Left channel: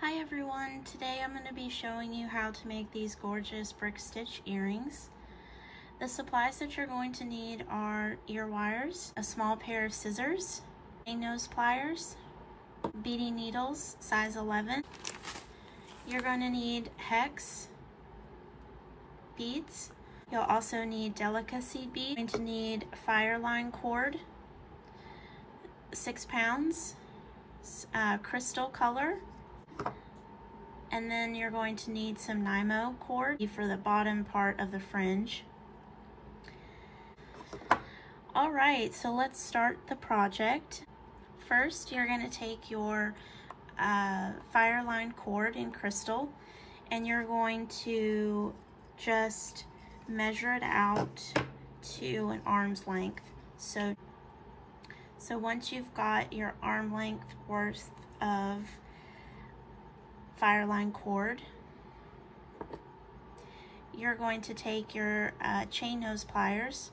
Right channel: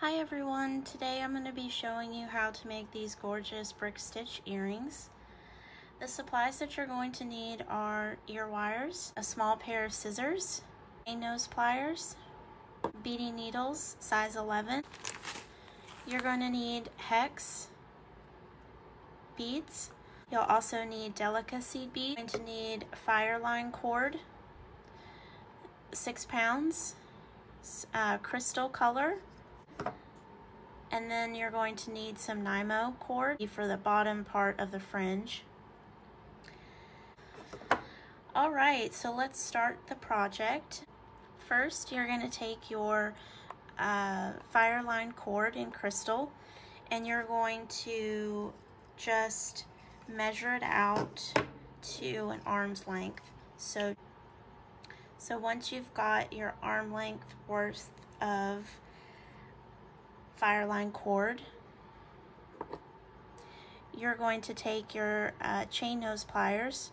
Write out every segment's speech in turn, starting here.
Hi everyone, today I'm going to be showing you how to make these gorgeous brick stitch earrings. The supplies that you're going to need are ear wires, a small pair of scissors, nose pliers, beading needles size 11. You're going to need hex beads. You'll also need Delica seed bead. You're going to need Fireline cord, 6 pounds, crystal color. And then you're going to need some NYMO cord for the bottom part of the fringe. All right, so let's start the project. First, you're going to take your Fireline cord in crystal, and you're going to just measure it out to an arm's length. So once you've got your arm length worth of Fireline cord, you're going to take your chain nose pliers,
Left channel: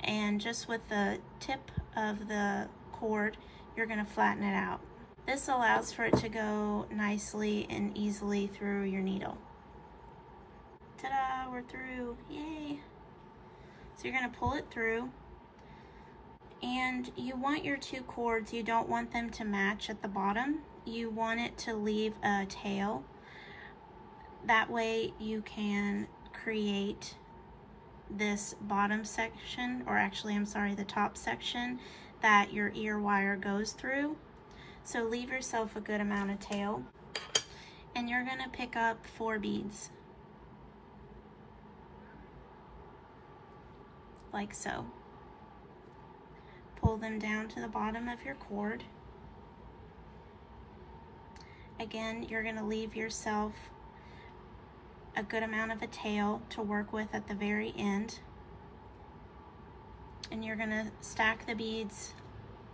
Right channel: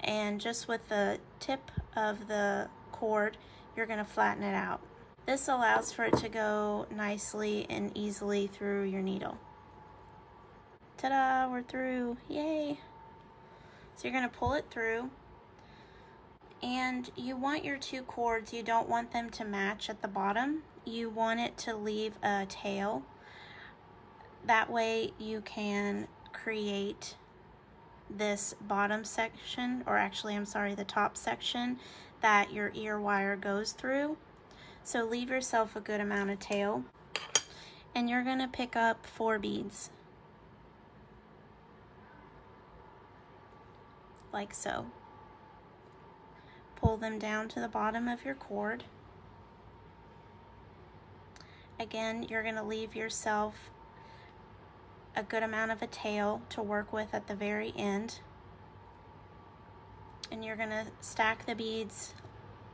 and just with the tip of the cord, you're going to flatten it out. This allows for it to go nicely and easily through your needle. Ta-da, we're through, yay! So you're going to pull it through, and you want your two cords, you don't want them to match at the bottom. You want it to leave a tail. That way you can create this bottom section, or actually I'm sorry, the top section that your ear wire goes through. So leave yourself a good amount of tail, and you're going to pick up 4 beads like so. Pull them down to the bottom of your cord. Again, you're going to leave yourself a good amount of a tail to work with at the very end. And you're going to stack the beads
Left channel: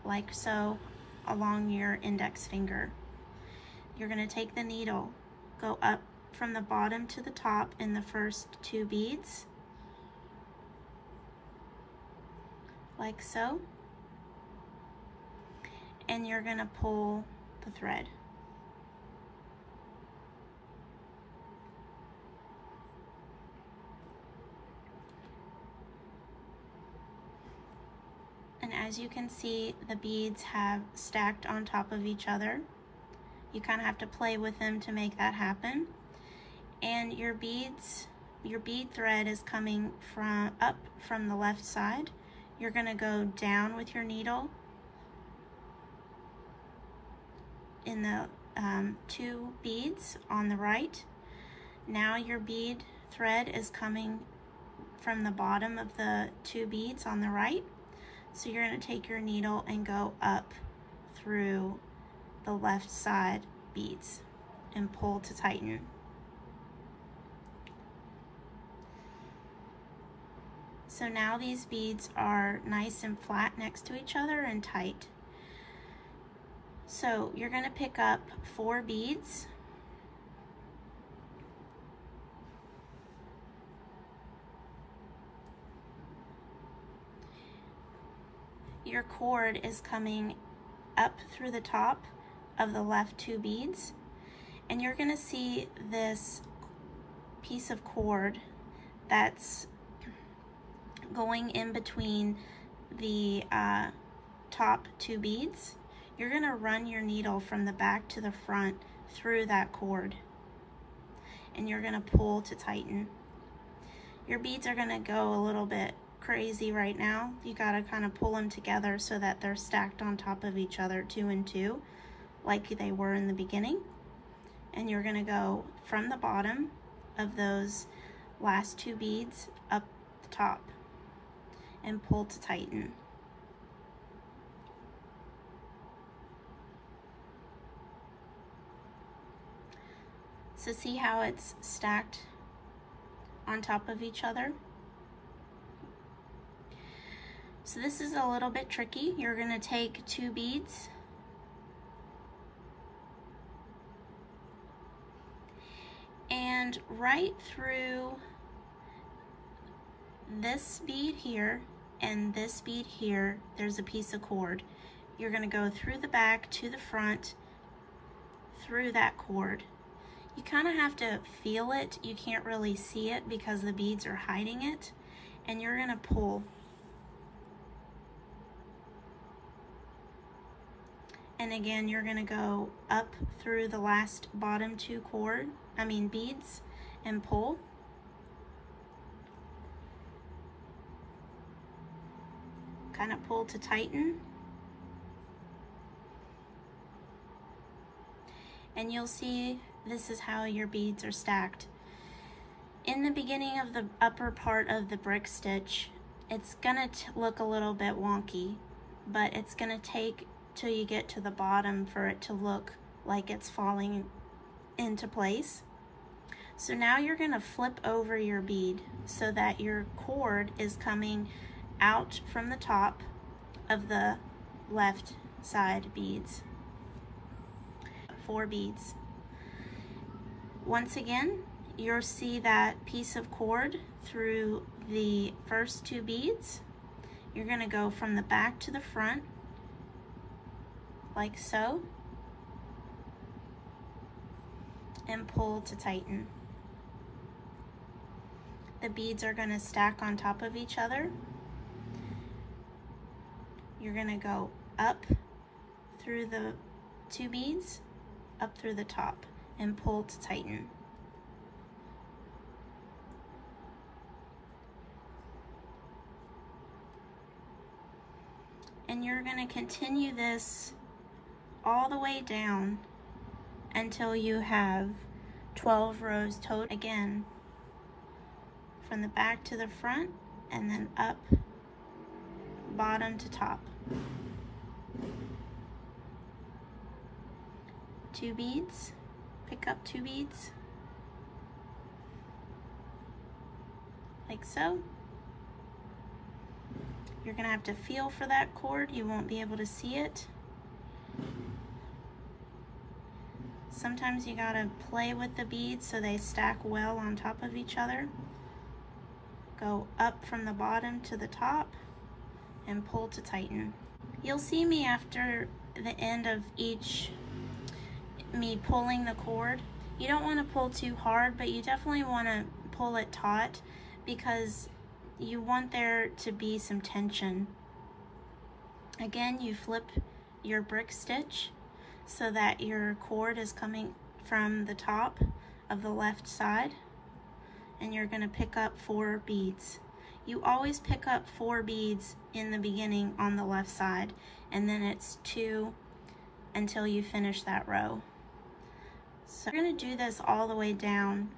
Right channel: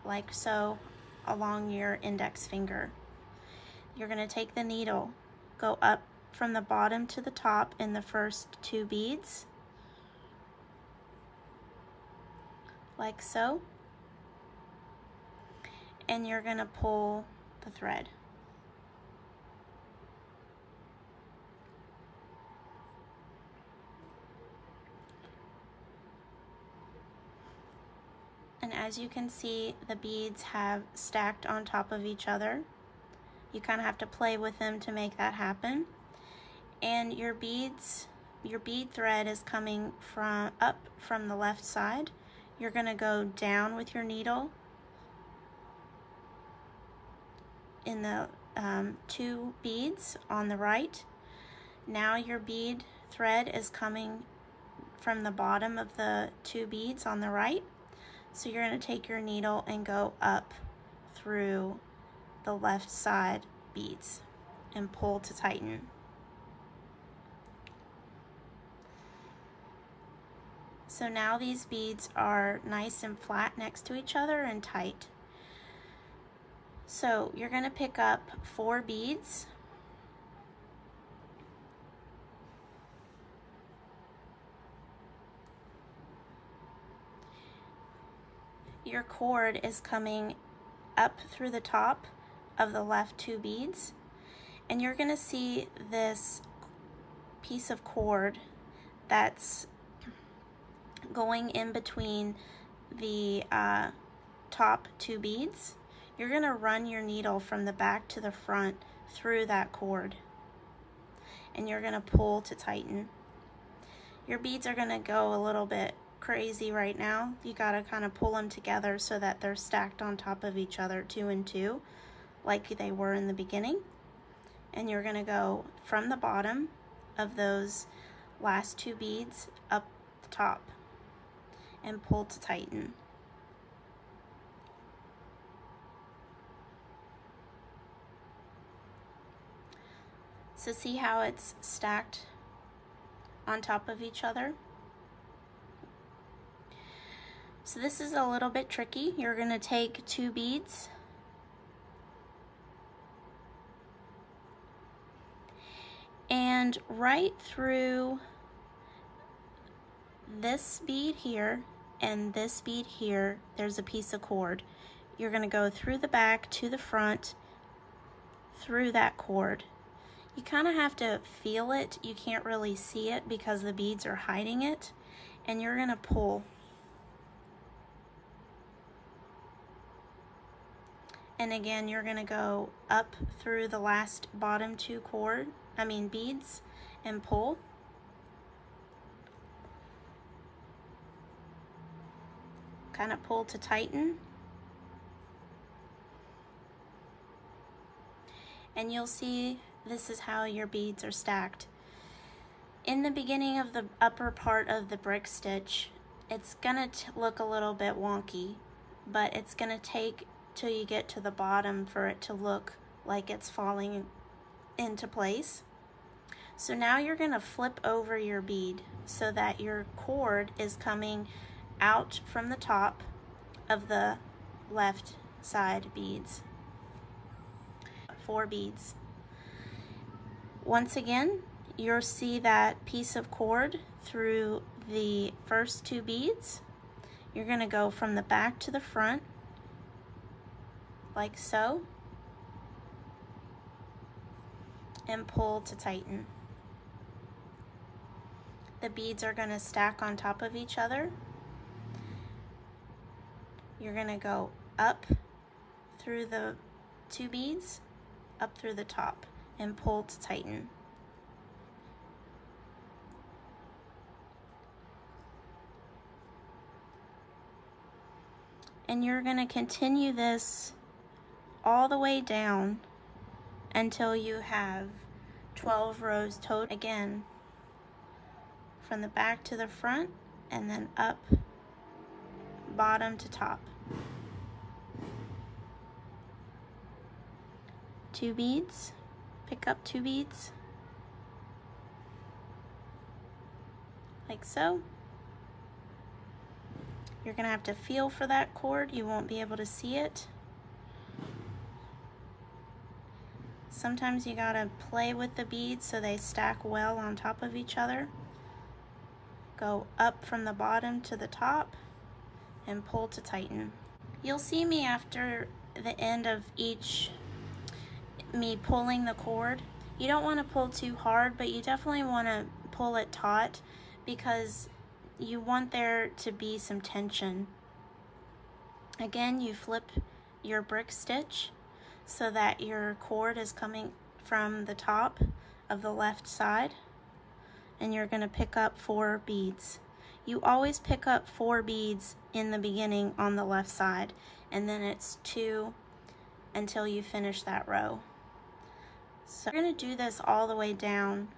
like so along your index finger. You're going to take the needle, go up from the bottom to the top in the first 2 beads, like so. And you're going to pull the thread. And as you can see, the beads have stacked on top of each other. You kind of have to play with them to make that happen. And your bead thread is coming up from the left side. You're going to go down with your needle in the 2 beads on the right. Now your bead thread is coming from the bottom of the 2 beads on the right. So you're going to take your needle and go up through the left side beads and pull to tighten. So now these beads are nice and flat next to each other and tight. So you're going to pick up 4 beads. Your cord is coming up through the top of the left 2 beads, and you're going to see this piece of cord that's going in between the top 2 beads. You're going to run your needle from the back to the front through that cord, and you're going to pull to tighten. Your beads are going to go a little bit crazy right now. You got to kind of pull them together so that they're stacked on top of each other 2 and 2 like they were in the beginning. And you're going to go from the bottom of those last 2 beads up the top and pull to tighten. So see how it's stacked on top of each other? So this is a little bit tricky. You're going to take 2 beads and right through this bead here and this bead here, there's a piece of cord. You're going to go through the back to the front, through that cord. You kind of have to feel it. You can't really see it because the beads are hiding it. And you're gonna pull. And again, you're gonna go up through the last bottom two beads and pull. Kind of pull to tighten. And you'll see this is how your beads are stacked. In the beginning of the upper part of the brick stitch, it's gonna look a little bit wonky, but it's gonna take till you get to the bottom for it to look like it's falling into place. So now you're gonna flip over your bead so that your cord is coming out from the top of the left side beads. 4 beads. Once again, you'll see that piece of cord through the first 2 beads. You're gonna go from the back to the front, like so, and pull to tighten. The beads are gonna stack on top of each other. You're gonna go up through the 2 beads, up through the top, and pull to tighten. And you're gonna continue this all the way down until you have 12 rows total. Again, from the back to the front, and then up, bottom to top. 2 beads, pick up 2 beads, like so. You're gonna have to feel for that cord. You won't be able to see it. Sometimes you gotta play with the beads so they stack well on top of each other. Go up from the bottom to the top and pull to tighten. You'll see me after the end of me pulling the cord. You don't want to pull too hard, but you definitely want to pull it taut because you want there to be some tension. Again, you flip your brick stitch so that your cord is coming from the top of the left side, and you're going to pick up 4 beads. You always pick up 4 beads in the beginning on the left side, and then it's 2 until you finish that row. So we're going to do this all the way down,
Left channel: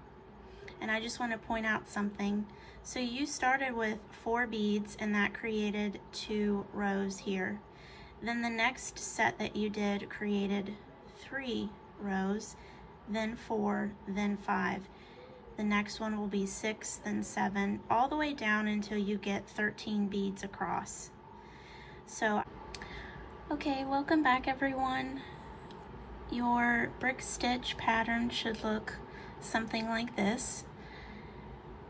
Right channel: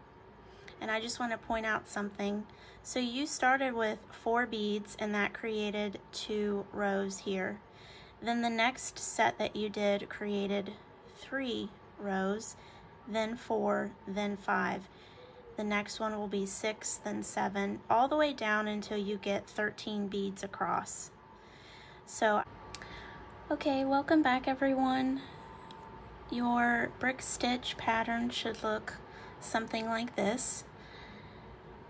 and I just want to point out something. So you started with 4 beads, and that created 2 rows here. Then the next set that you did created 3 rows, then 4, then 5. The next one will be 6, then 7, all the way down until you get 13 beads across. So, okay, welcome back everyone. Your brick stitch pattern should look something like this.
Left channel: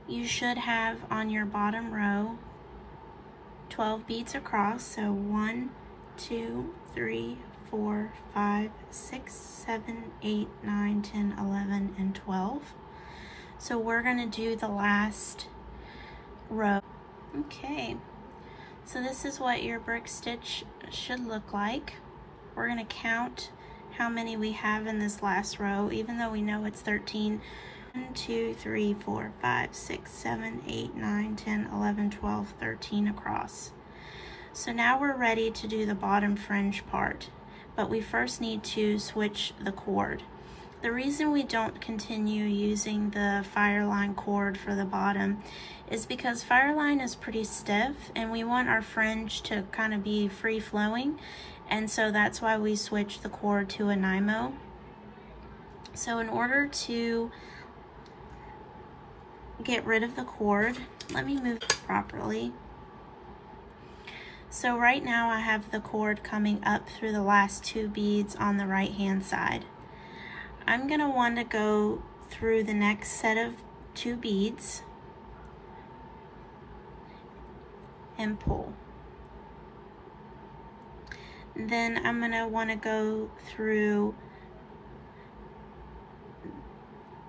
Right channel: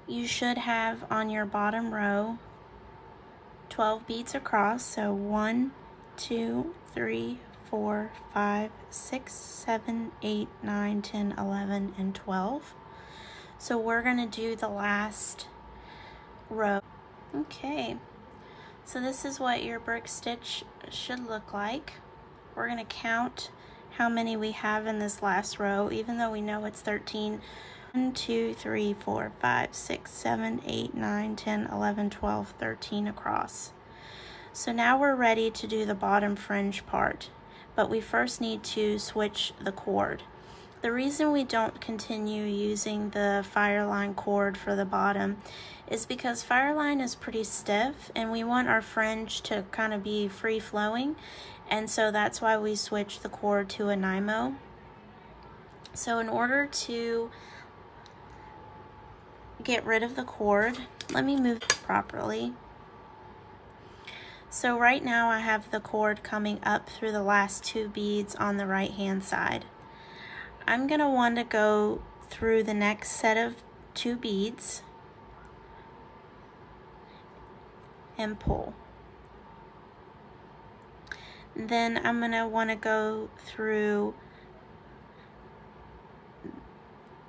You should have on your bottom row 12 beads across, so 1, 2, 3, 4, 5, 6, 7, 8, 9, 10, 11, and 12. So we're gonna do the last row. Okay, so this is what your brick stitch should look like. We're gonna count how many we have in this last row, even though we know it's 13. 1, 2, 3, 4, 5, 6, 7, 8, 9, 10, 11, 12, 13 across. So now we're ready to do the bottom fringe part, but we first need to switch the cord. The reason we don't continue using the Fireline cord for the bottom is because Fireline is pretty stiff and we want our fringe to kind of be free flowing, and so that's why we switch the cord to a NYMO. So in order to get rid of the cord, let me move it properly. So right now I have the cord coming up through the last 2 beads on the right hand side. I'm going to want to go through the next set of 2 beads and pull. Then I'm going to want to go through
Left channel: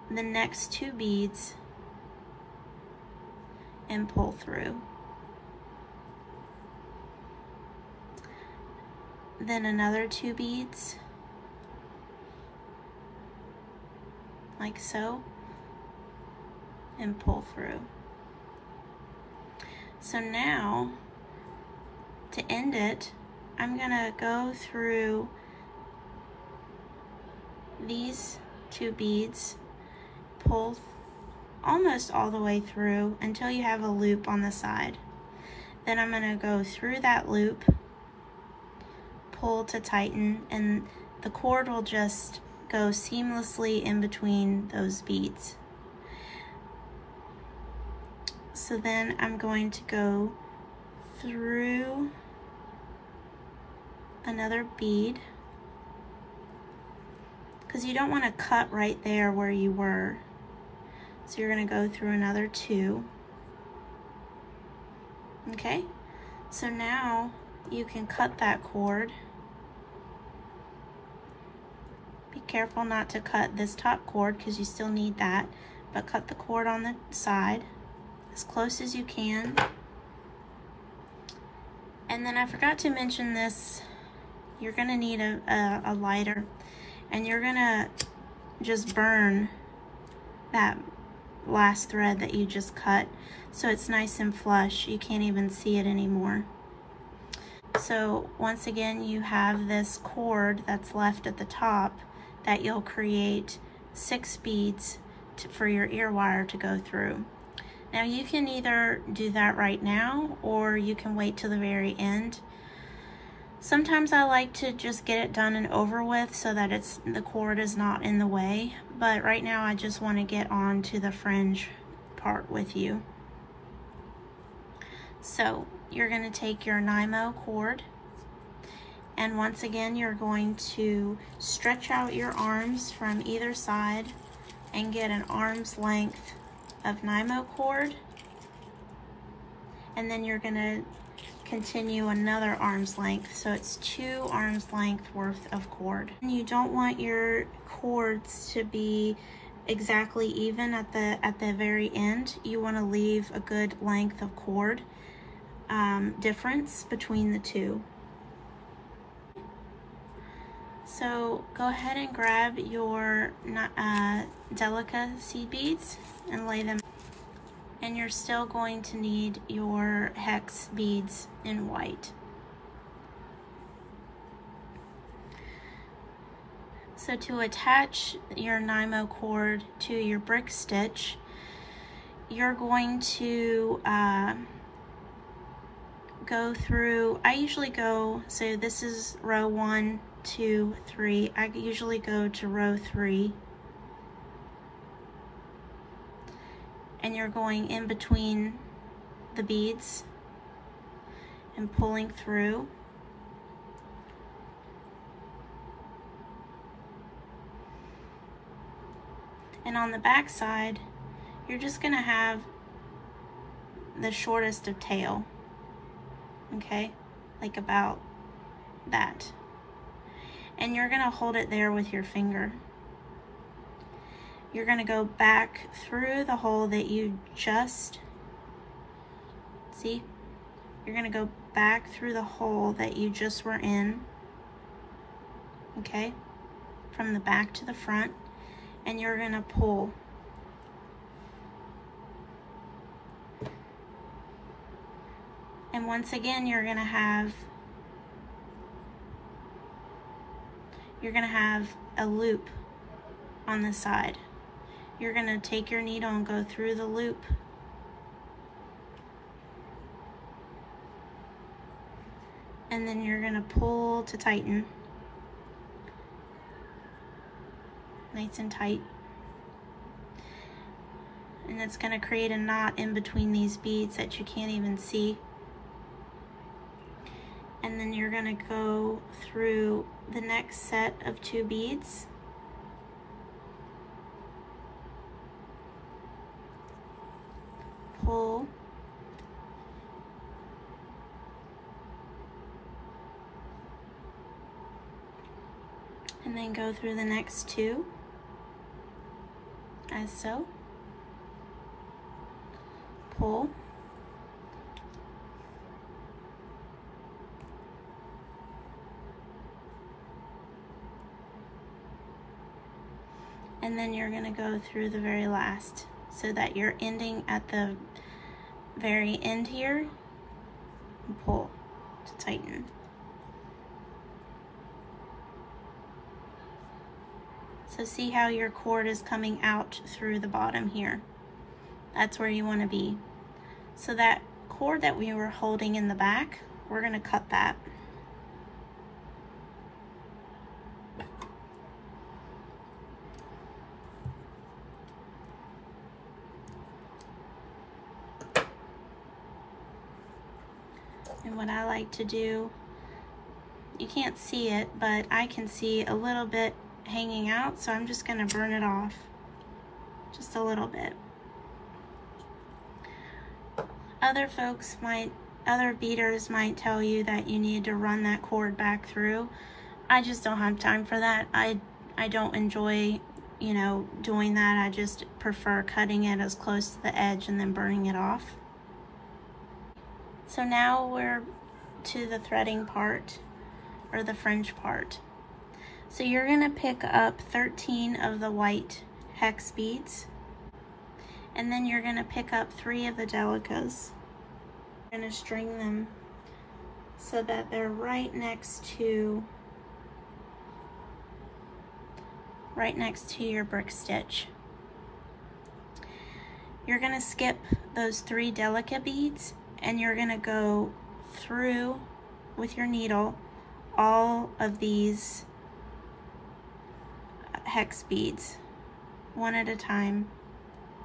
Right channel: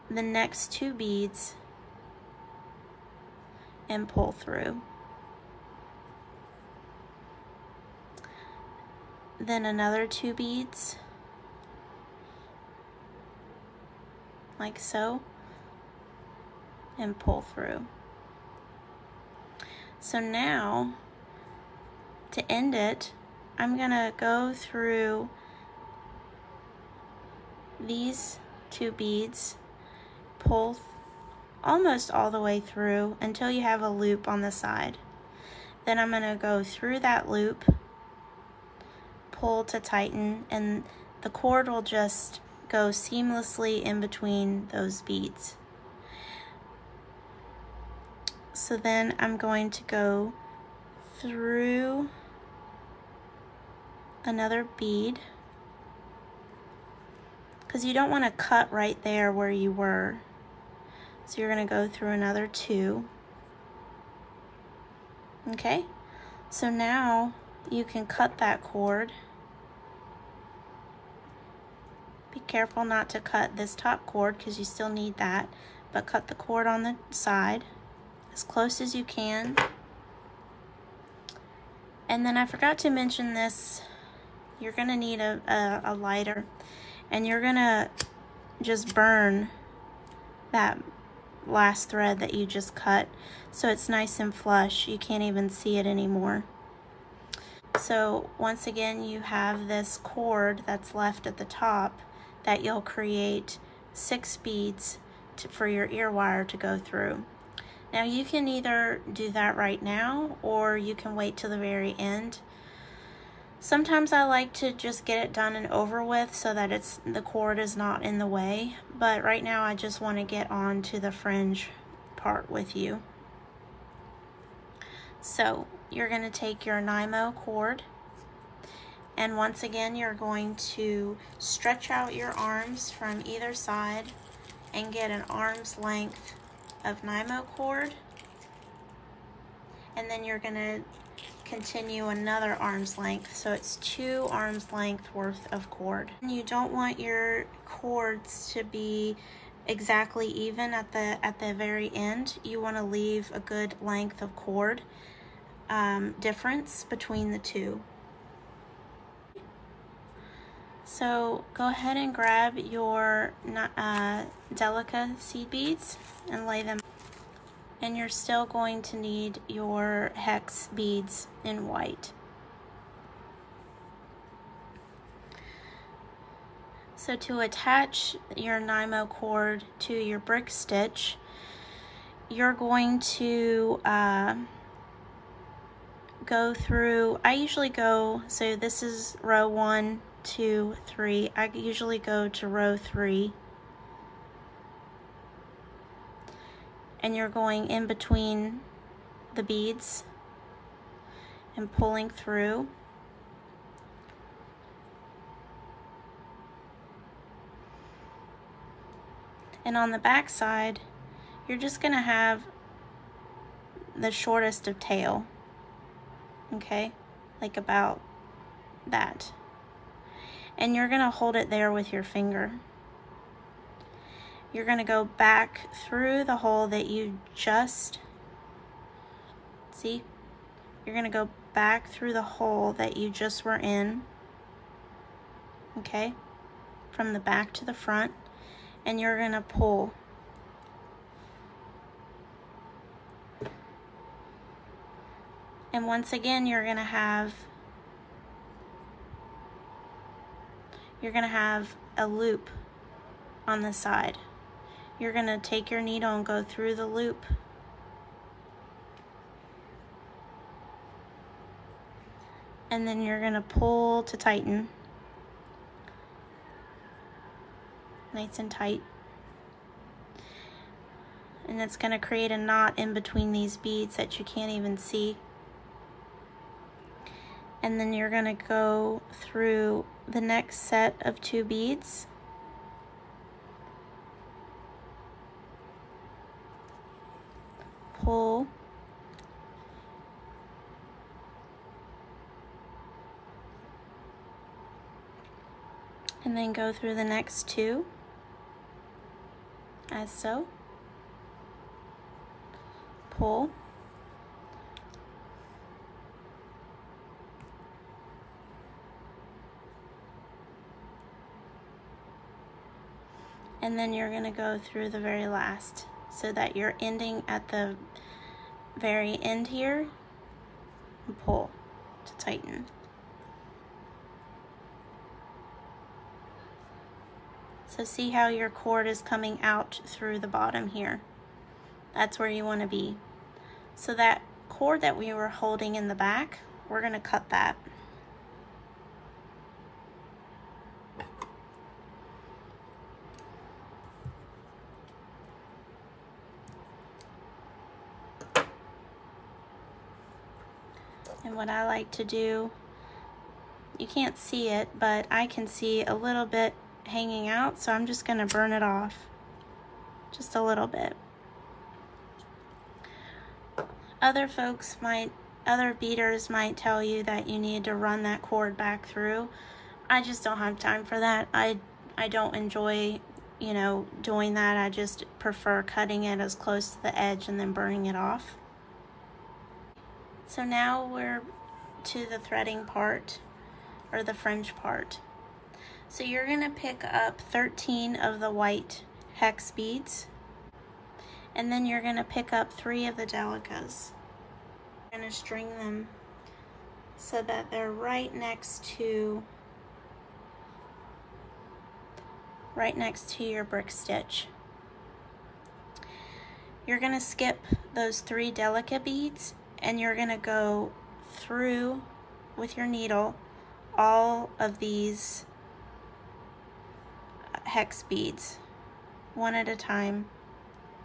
the next 2 beads and pull through. Then another 2 beads, like so, and pull through. So now, to end it, I'm gonna go through these 2 beads, pull almost all the way through until you have a loop on the side. Then I'm gonna go through that loop, pull to tighten, and the cord will just go seamlessly in between those beads. So then I'm going to go through another bead, because you don't want to cut right there where you were. So you're going to go through another 2. Okay, so now you can cut that cord. Be careful not to cut this top cord because you still need that, but cut the cord on the side as close as you can. And then I forgot to mention this, you're going to need a lighter, and you're going to just burn that last thread that you just cut so it's nice and flush. You can't even see it anymore. So once again, you have this cord that's left at the top that you'll create 6 beads for your ear wire to go through. Now you can either do that right now or you can wait till the very end. Sometimes I like to just get it done and over with so that the cord is not in the way, but right now I just want to get on to the fringe part with you. So you're going to take your NYMO cord, and once again you're going to stretch out your arms from either side and get an arm's length of NYMO cord, and then you're going to continue another arm's length, so it's 2 arm's length worth of cord. You don't want your cords to be exactly even at the very end. You want to leave a good length of cord difference between the 2. So go ahead and grab your Delica seed beads and lay them. And you're still going to need your hex beads in white. So to attach your NYMO cord to your brick stitch, you're going to go through, I usually go, so this is row 1, 2, 3. I usually go to row 3. And you're going in between the beads and pulling through. And on the back side, you're just gonna have the shortest of tail, okay? Like about that. And you're gonna hold it there with your finger. You're going to go back through the hole that you just, see? You're going to go back through the hole that you just were in, okay? From the back to the front, and you're going to pull. And once again, you're going to have a loop on the side. You're going to take your needle and go through the loop. And then you're going to pull to tighten. Nice and tight. And it's going to create a knot in between these beads that you can't even see. And then you're going to go through the next set of 2 beads. Pull, and then go through the next 2 as so. Pull. And then you're going to go through the very last so that you're ending at the very end here and pull to tighten. So see how your cord is coming out through the bottom here. That's where you want to be. So that cord that we were holding in the back, we're going to cut that. And what I like to do, you can't see it, but I can see a little bit hanging out, so I'm just going to burn it off just a little bit. Other beaders might tell you that you need to run that cord back through. I just don't have time for that. I don't enjoy, you know, doing that. I just prefer cutting it as close to the edge and then burning it off. So now we're to the threading part, or the fringe part. So you're going to pick up 13 of the white hex beads, and then you're going to pick up 3 of the Delicas. You're going to string them so that they're right next to your brick stitch. You're going to skip those 3 Delica beads, and you're going to go through with your needle all of these hex beads one at a time.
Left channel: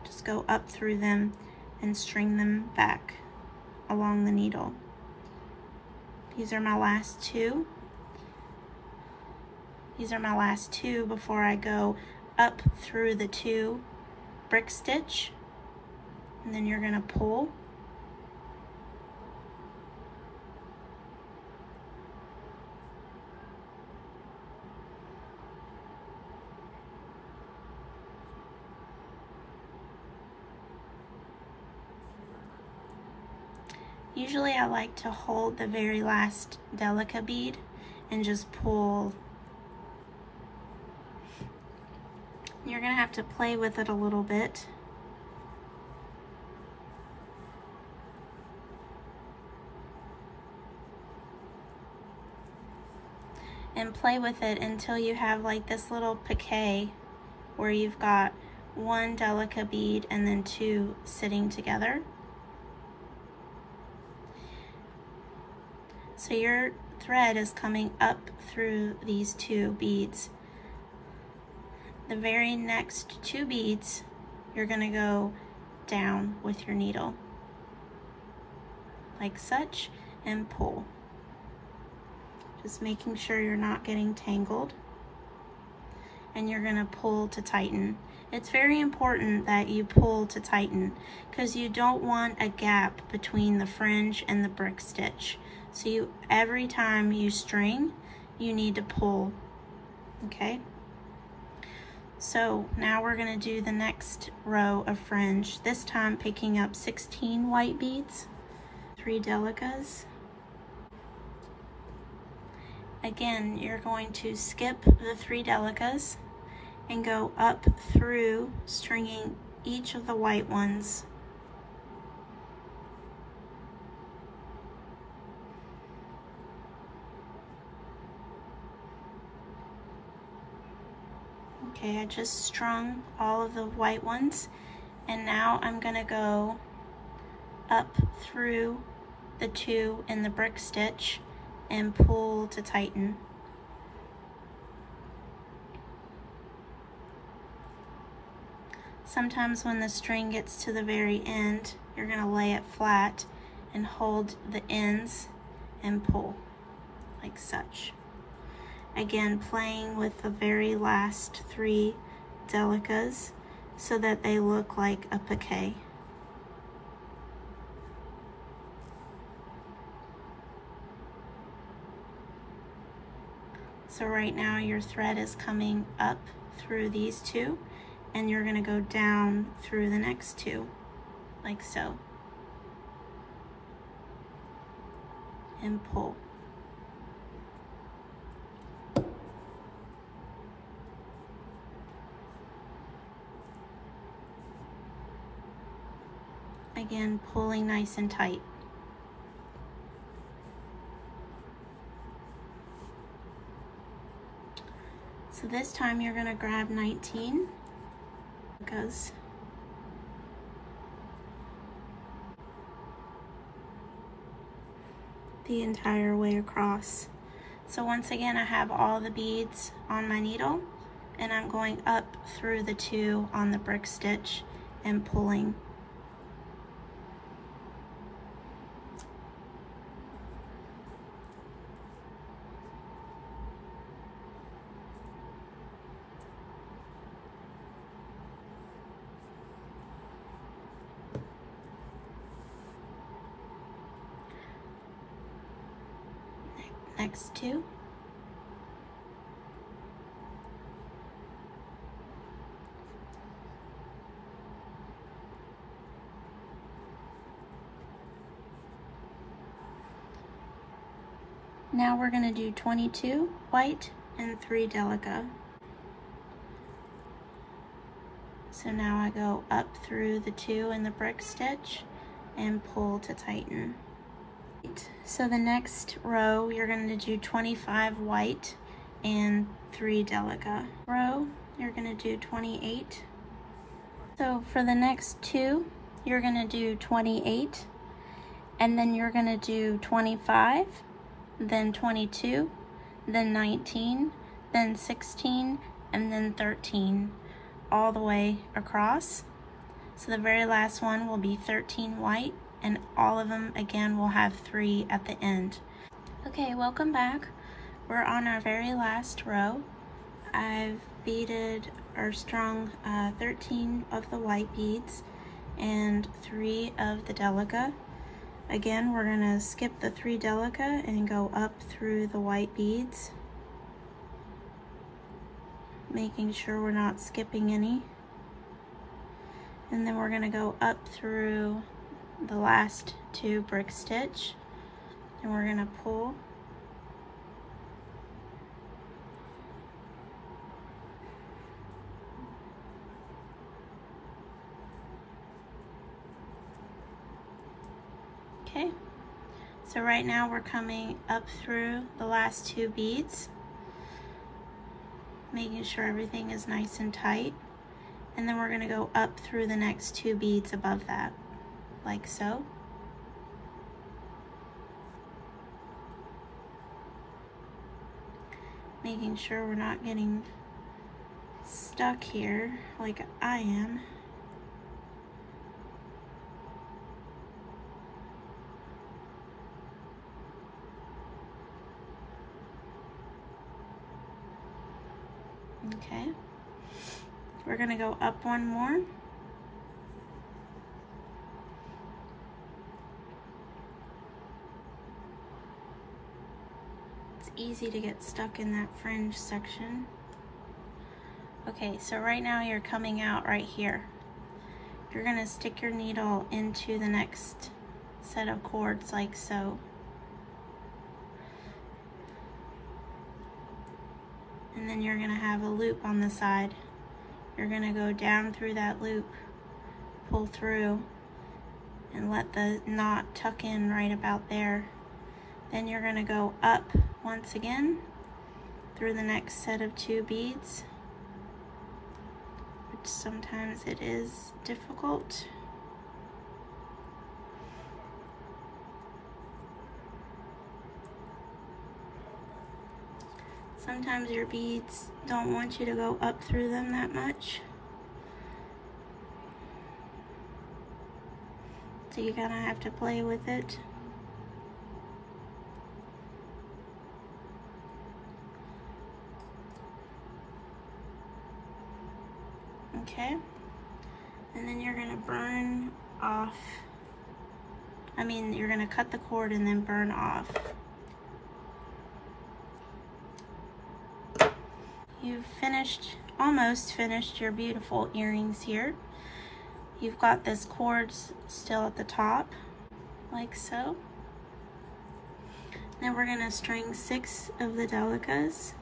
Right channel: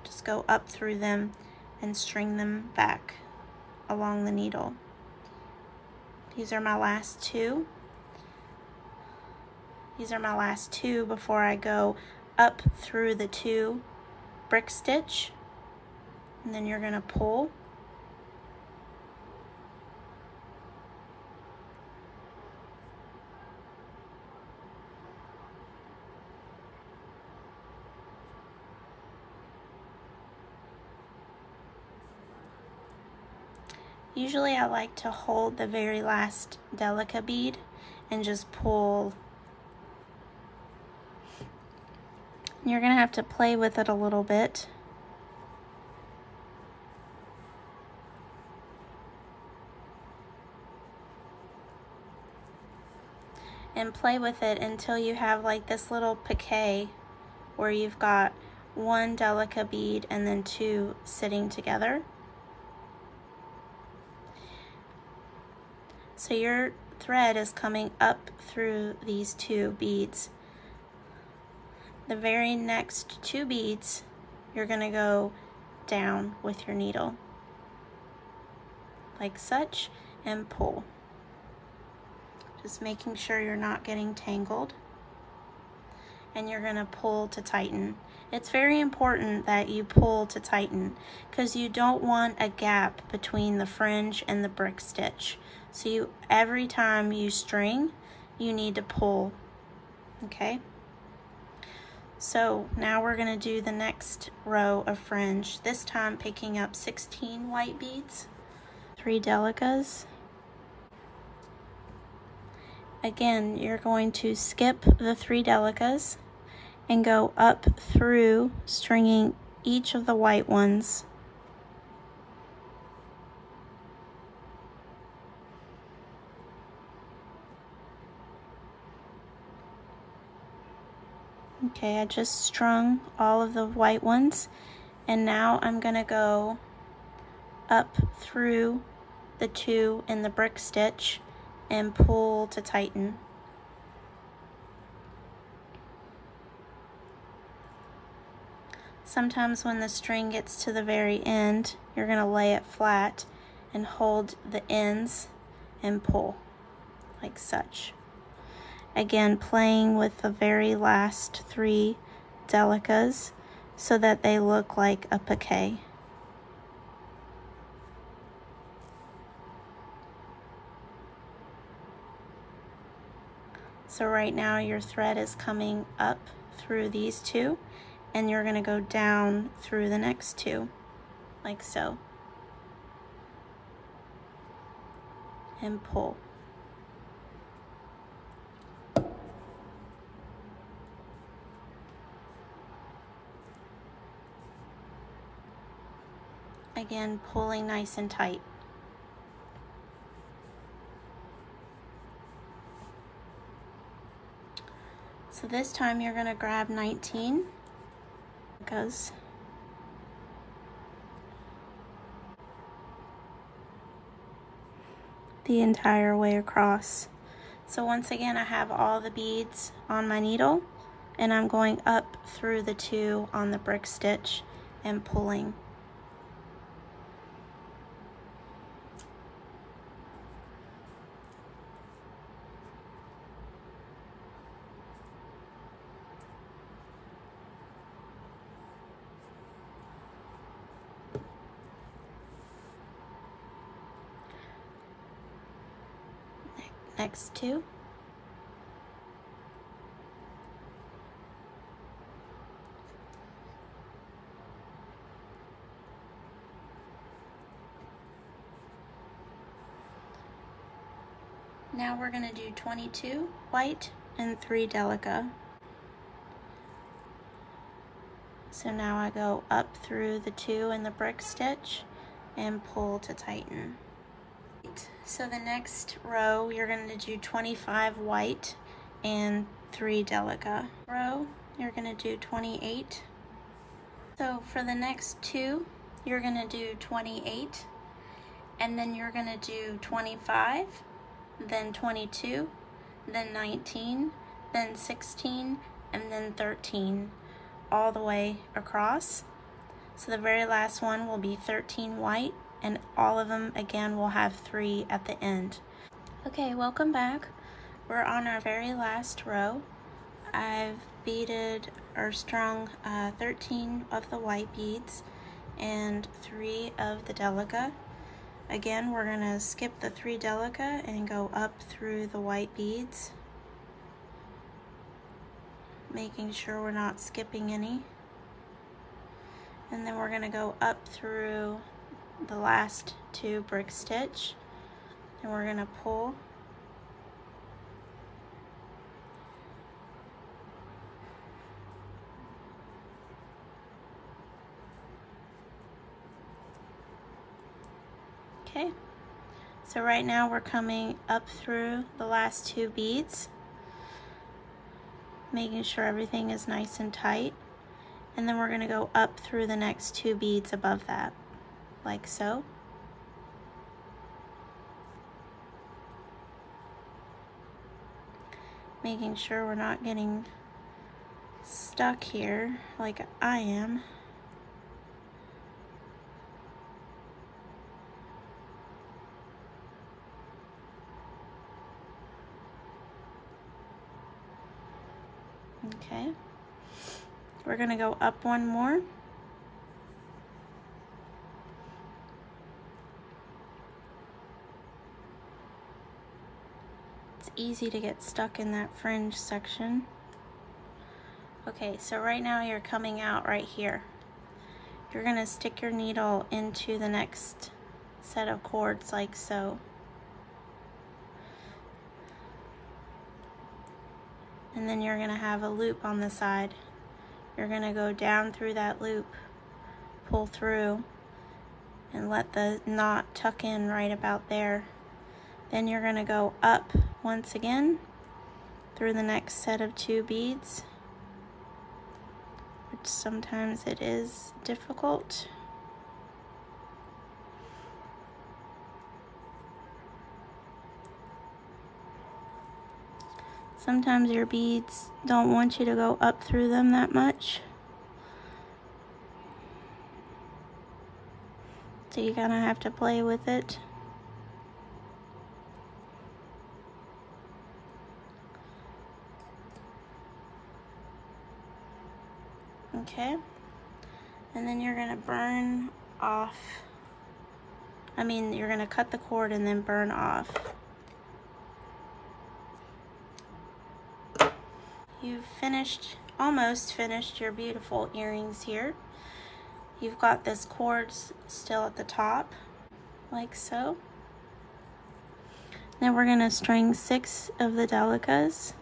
Just go up through them and string them back along the needle. These are my last 2. These are my last 2 before I go up through the 2 brick stitch, and then you're going to pull. Usually I like to hold the very last Delica bead and just pull. You're going to have to play with it a little bit. And play with it until you have like this little piquet where you've got 1 Delica bead and then 2 sitting together. So your thread is coming up through these 2 beads. The very next 2 beads, you're going to go down with your needle, like such, and pull. Just making sure you're not getting tangled. And you're going to pull to tighten. It's very important that you pull to tighten because you don't want a gap between the fringe and the brick stitch. So every time you string, you need to pull, okay? So now we're gonna do the next row of fringe, this time picking up 16 white beads, 3 Delicas. Again, you're going to skip the 3 Delicas and go up through, stringing each of the white ones. Okay, I just strung all of the white ones, and now I'm gonna go up through the 2 in the brick stitch and pull to tighten. Sometimes when the string gets to the very end, you're gonna lay it flat and hold the ends and pull, like such. Again, playing with the very last 3 Delicas so that they look like a piquet. So right now your thread is coming up through these 2, and you're going to go down through the next two, like so, and pull. Again, pulling nice and tight. So this time you're going to grab 19, because the entire way across. So once again, I have all the beads on my needle, and I'm going up through the two on the brick stitch and pulling. Next two. Now we're going to do 22 white and 3 Delica. So now I go up through the two in the brick stitch and pull to tighten. So the next row, you're going to do 25 white and 3 Delica. Row, you're going to do 28. So for the next two, you're going to do 28, and then you're going to do 25, then 22, then 19, then 16, and then 13, all the way across. So the very last one will be 13 white, and all of them again will have 3 at the end. Okay, welcome back. We're on our very last row. I've beaded or strung 13 of the white beads and 3 of the Delica. Again, we're gonna skip the 3 Delica and go up through the white beads, making sure we're not skipping any. And then we're gonna go up through the last 2 brick stitch, and we're gonna pull. Okay, so right now we're coming up through the last 2 beads, making sure everything is nice and tight, and then we're gonna go up through the next 2 beads above that, like so. Making sure we're not getting stuck here like I am. Okay, we're gonna go up one more. Easy to get stuck in that fringe section. Okay, so right now you're coming out right here. You're gonna stick your needle into the next set of cords like so. And then you're gonna have a loop on the side. You're gonna go down through that loop, pull through, and let the knot tuck in right about there. Then you're gonna go up once again through the next set of 2 beads, which sometimes it is difficult. Sometimes your beads don't want you to go up through them that much, so you kind of have to play with it. Okay, and then you're gonna burn off, you're gonna cut the cord and then burn off. You've finished almost finished your beautiful earrings here. You've got this cord still at the top, like so. Then we're gonna string 6 of the Delicas,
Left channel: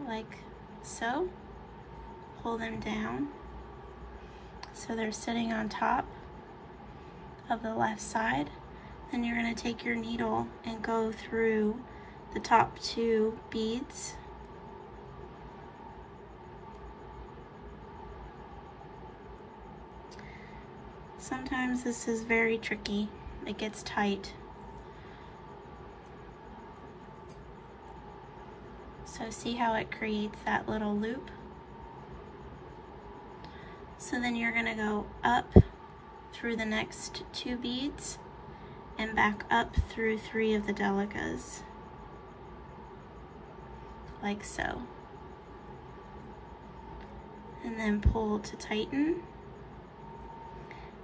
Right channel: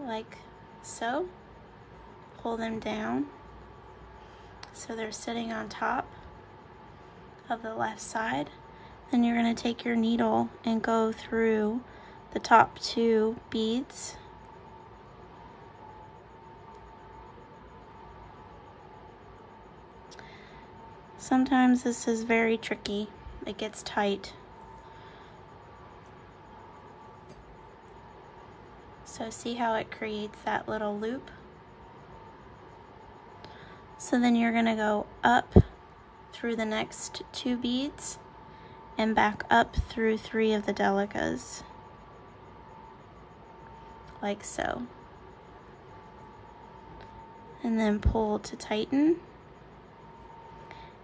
like so. Pull them down so they're sitting on top of the left side. Then you're gonna take your needle and go through the top 2 beads. Sometimes this is very tricky. It gets tight. So see how it creates that little loop? So then you're gonna go up through the next 2 beads and back up through 3 of the Delicas, like so. And then pull to tighten.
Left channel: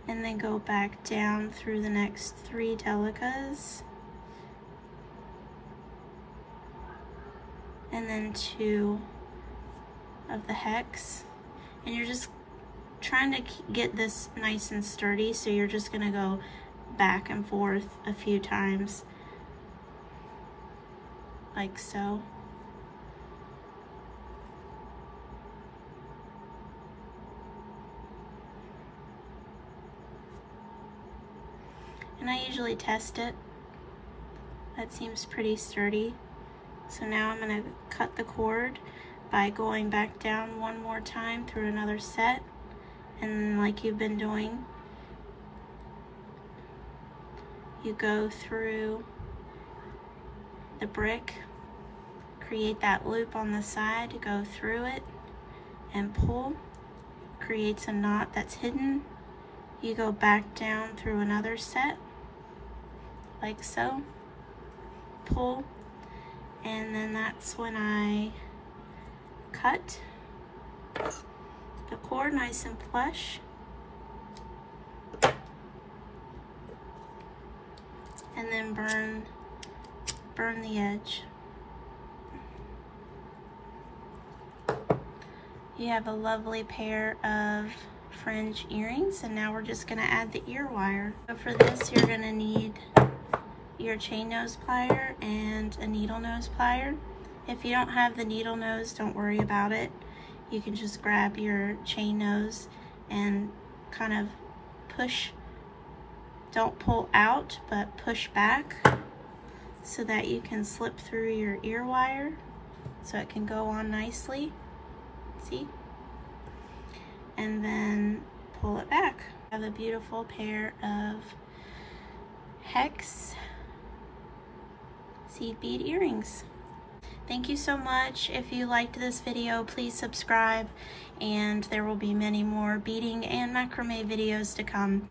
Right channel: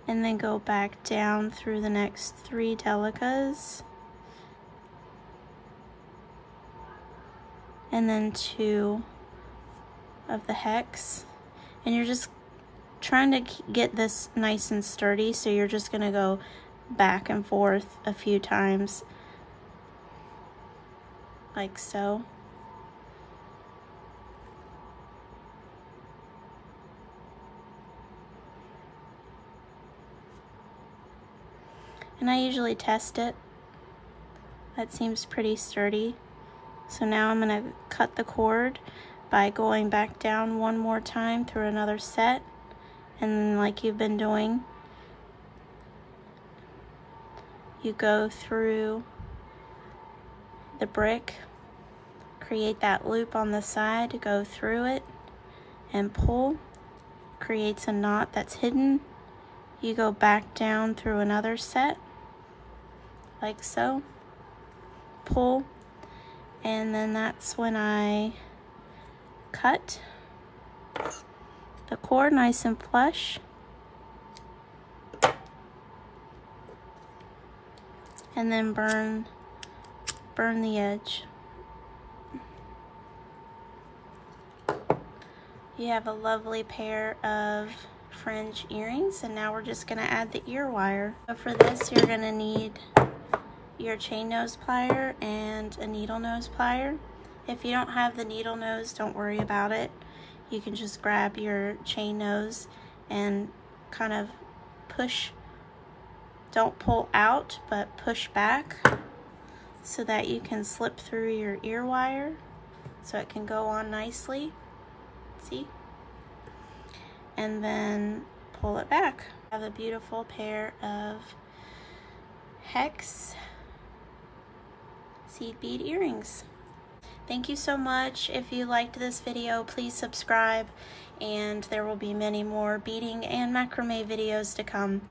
And then go back down through the next 3 Delicas. And then 2 of the hex. And you're just trying to get this nice and sturdy, so you're just gonna go back and forth a few times, like so. And I usually test it. That seems pretty sturdy. So now I'm gonna cut the cord by going back down one more time through another set. And then, like you've been doing, you go through the brick, create that loop on the side, go through it and pull, creates a knot that's hidden. You go back down through another set, like so, pull, and then that's when I cut the cord nice and flush, and then burn the edge. You have a lovely pair of fringe earrings, and now we're just gonna add the ear wire. So for this, you're gonna need your chain nose plier and a needle nose plier. If you don't have the needle nose, don't worry about it. You can just grab your chain nose and kind of push, don't pull out, but push back so that you can slip through your ear wire so it can go on nicely. See? And then pull it back. I have a beautiful pair of hex seed bead earrings. Thank you so much. If you liked this video, please subscribe, and there will be many more beading and macrame videos to come.